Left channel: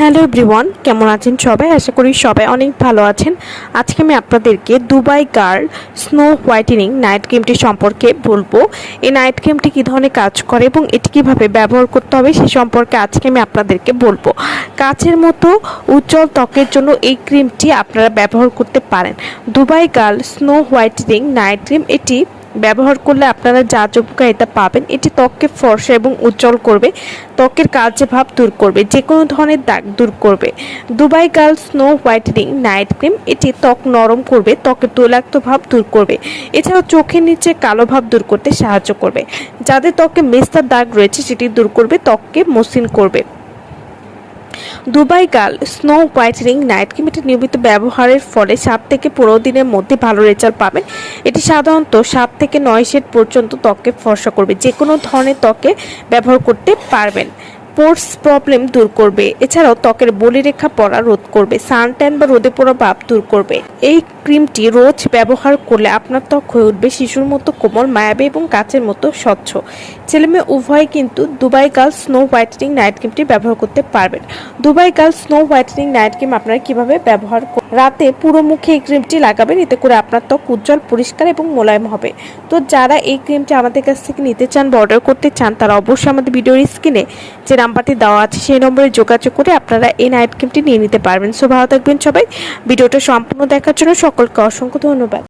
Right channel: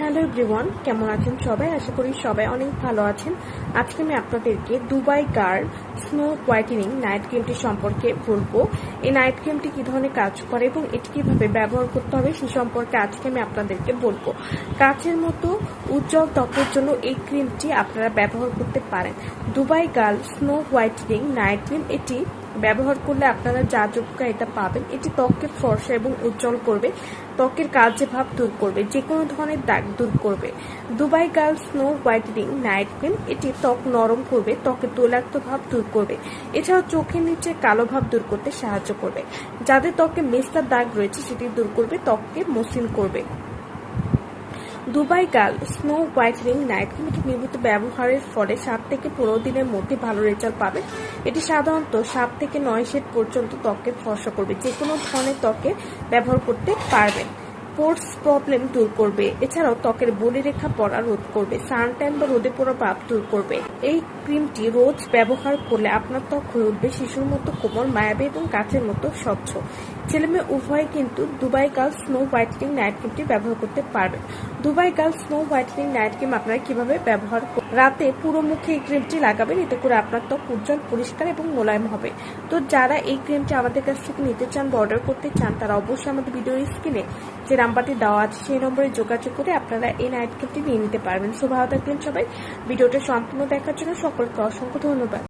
Hello everyone, কেমন আছেন সবাই? আশা করি সবাই অনেক ভালো আছেন। আজকে আমি আপনাদেরকে Dubai girl snow whitening night ক্রিমটি সম্পর্কে বলব। এই নাইট ক্রিমটি কী ধরনের কাজ করে এবং এটি কীভাবে ব্যবহার করতে হবে সে সম্পর্কে আজকে আমি আপনাদেরকে বলব। কাচের মতো উজ্জ্বল ত্বকের জন্য এই ক্রিমটি আপনারা ব্যবহার করতে পারেন। Dubai girl snow whitening night cream এটি ব্যবহার করলে আপনারা যা যা উপকারিতা পাবেন। এটি ত্বককে ফর্সা এবং উজ্জ্বল করবে। ত্বকের কালচে ভাব দূর করবে। যে কোনো ধরনের দাগ দূর করবে। Dubai girl snow whitening night cream, এটি ত্বক নরম করবে ত্বকের তৈলাক্ত ভাব দূর করবে। এছাড়াও চোখের নিচে কালো ভাব দূর করতে সাহায্য করবে। যাদের ত্বকে মেস্তার দাগ রয়েছে, সেটি দূর করবে, ত্বককে মসৃণ করবে। Dubai girl snow whitening night cream এটি নিয়মিত ব্যবহারের ফলে সাত থেকে পনেরো দিনের মধ্যে ভালো রেজাল্ট পাবেন এটি সাধারণত সাত থেকে নয় শেড পর্যন্ত ত্বকে ফর্সা করবে। যে কোনো ধরনের ত্বকে ব্যবহার করতে পারবেন। পোর্স প্রবলেম দূর করবে। এছাড়াও ত্বকের বলিরেখা পড়া রোধ করবে। সানট্যান বা রোদে পড়া ভাব দূর করবে। এই ক্রিমটি রোজ ব্যবহার করলে আপনার ত্বক হয়ে উঠবে, শিশুর মতো কোমল, মায়াবী এবং কাচের মতো স্বচ্ছ। ছেলেমেয়ে উভয় কিন্তু Dubai girl snow whitening night ক্রিমটি ব্যবহার করতে পারবেন। Dubai girl snow whitening night cream আপনারা কীভাবে ব্যবহার রাতে পুরো মুখে এই ক্রিমটি লাগাবেন, এতে করে আপনার ত্বক উজ্জ্বল, পরিষ্কার এবং মোলায়েম হবে। তো যারা এই ক্রিমটি আমাদের কাছ থেকে নিতে চান বা অর্ডার করতে চান, তারা অবশ্যই আমাদের ভিডিওর স্ক্রিনে যে নাম্বারটি দেওয়া আছে, সেই নম্বরে যোগাযোগ করে আপনারা এই নাইট ক্রিমটি নিয়ে নিতে পারবেন। সো ভালো থাকবেন সবাই। ভিডিওটা সম্পূর্ণ দেখার জন্য সকলকে অসংখ্য ধন্যবাদ।